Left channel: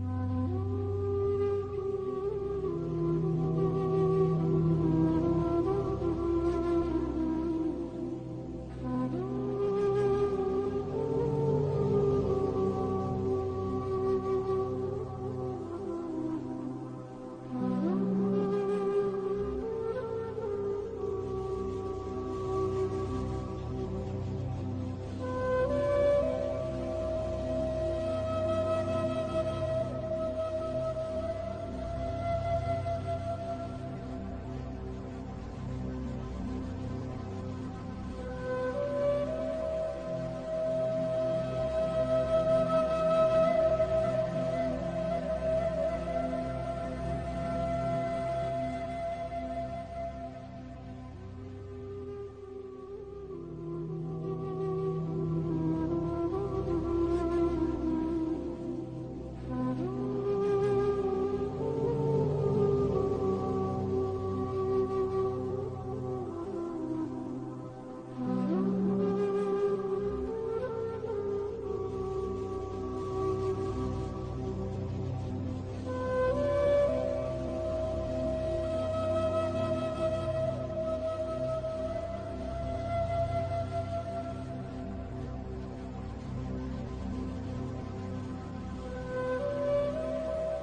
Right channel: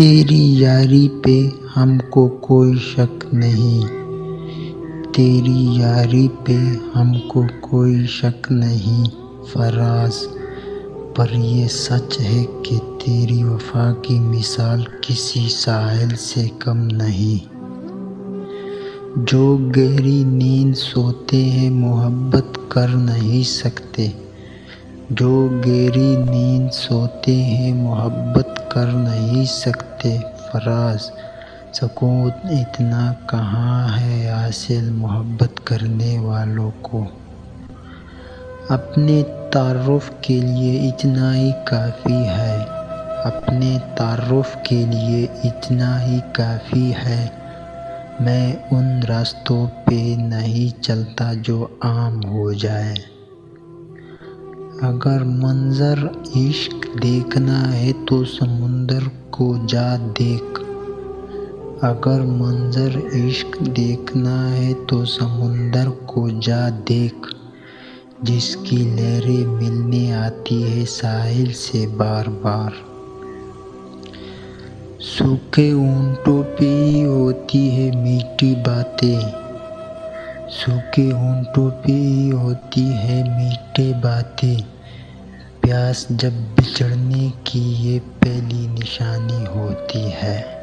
تیری یاری پہ ہم کو کوئی شک نہیں، تیری یاری پہ ہم کو کوئی شک نہیں فراز، پر یہ سچ ہے کہ تیری وفا کی مثال کسی ساحل سے کم نہیں۔ جو گہری نیند سوتے ہیں محبت کر نہیں سکتے، جو گہری نیند سوتے ہیں محبت کر نہیں سکتے فراز، سکون اتنا کہاں ہے حاصل محبت کرنے والوں کو۔ اپنے تعارف کے لیے اتنا ہی کافی ہے، اپنے تعارف کے لیے اتنا ہی کافی ہے، میں ان راستوں پہ نہیں چلتا جو عام ہو جائے۔ اگر منظر عشق دیکھنا ہے تو سمندر کو جا دیکھ، اگر منظر عشق دیکھنا ہے تو سمندر کو جا دیکھ، جس کی لہریں ملنے آتی ہے ساحل سے بار بار۔ سوکھے ہونٹوں پہ ہی ہوتی ہے میٹھی باتیں، سوکھے ہونٹوں پہ ہی ہوتی ہے میٹھی باتیں، پیاس جب بچھڑنے کی یہ پہلی نشانی ہوتی ہے۔